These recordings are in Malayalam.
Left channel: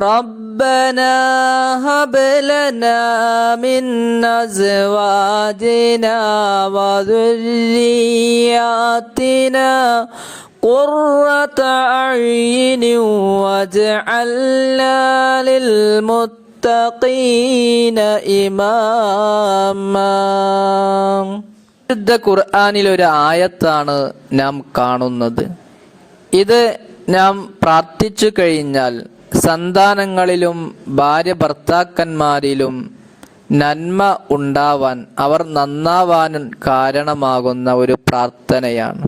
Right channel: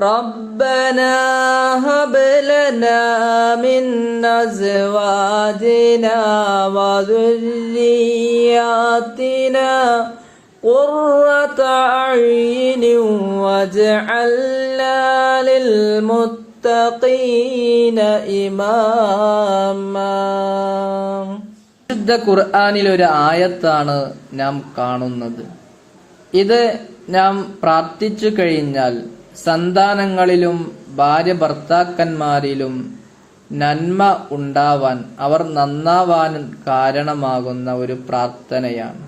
ربنا هب لنا من أزواجنا وذرياتنا قرة أعين واجعلنا للمتقين إماما വിശുദ്ധ ഖുർആാനിൽ ഒരു ആയത്താണ് നാം കാണുന്നത് ഇത് നാം പ്രാർത്ഥിച്ചു കഴിഞ്ഞാൽ സന്താനങ്ങളിലും ഭാര്യ ഭർത്താക്കന്മാരിലും നന്മ ഉണ്ടാവാൻ അവർ നന്നാവാൻ കാരണമാകുന്ന ഒരു പ്രാർത്ഥനയാണ്.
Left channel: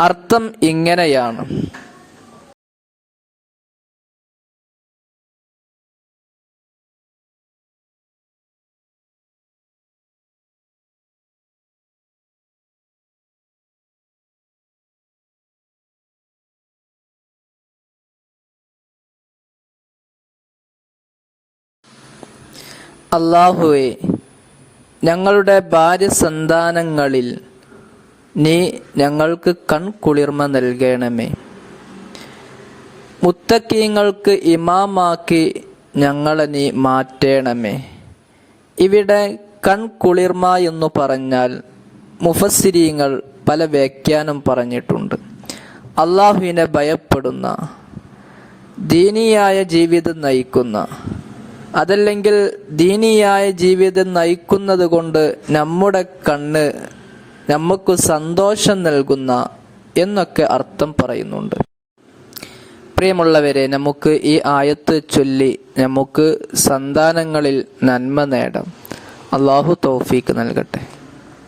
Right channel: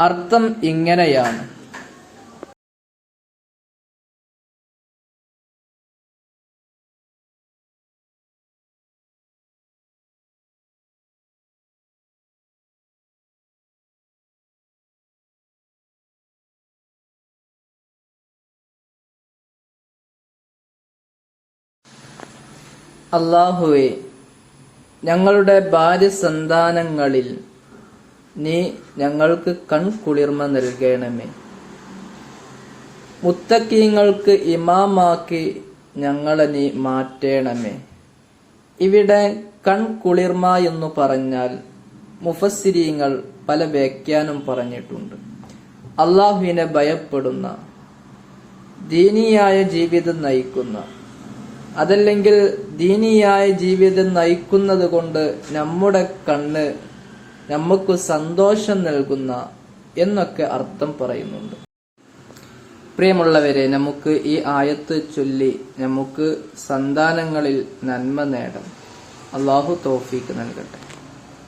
അർത്ഥം ഇങ്ങനെയാണ്. അള്ളാഹുവെ ഞങ്ങളുടെ ഭാര്യ സന്താനങ്ങളിൽ നീ ഞങ്ങൾക്ക് കൺകുളിർമ നൽകണമേ. മുത്തക്കീങ്ങൾക്ക് ഇമാമാക്കി ഞങ്ങളെ നീ മാറ്റേണമേ. ഇവിടെ കൺകുളിർമ എന്നു പറഞ്ഞാൽ മുഫസ്സിരീങ്ങൾ പല വ്യാഖ്യാനം പറഞ്ഞിട്ടുണ്ട്. അള്ളാഹുവിനെ ഭയപ്പെടുന്ന ദീനിയായ ജീവിതം നയിക്കുന്ന അതല്ലെങ്കിൽ ദീനിയായ ജീവിതം നയിക്കുന്നത് കൊണ്ട് നമ്മുടെ കണ്ണ് നമുക്ക് സന്തോഷം നൽകുന്ന എന്നൊക്കെ അർത്ഥം പറയുന്നുണ്ട്. പ്രിയമുള്ളവരെ നമുക്ക് ഈ ആയത്ത് ചൊല്ലി നമുക്ക് സന്താനങ്ങളിൽ നന്മ നേടാം. അള്ളാഹു തോഫീക്ക് നൽകട്ടെ.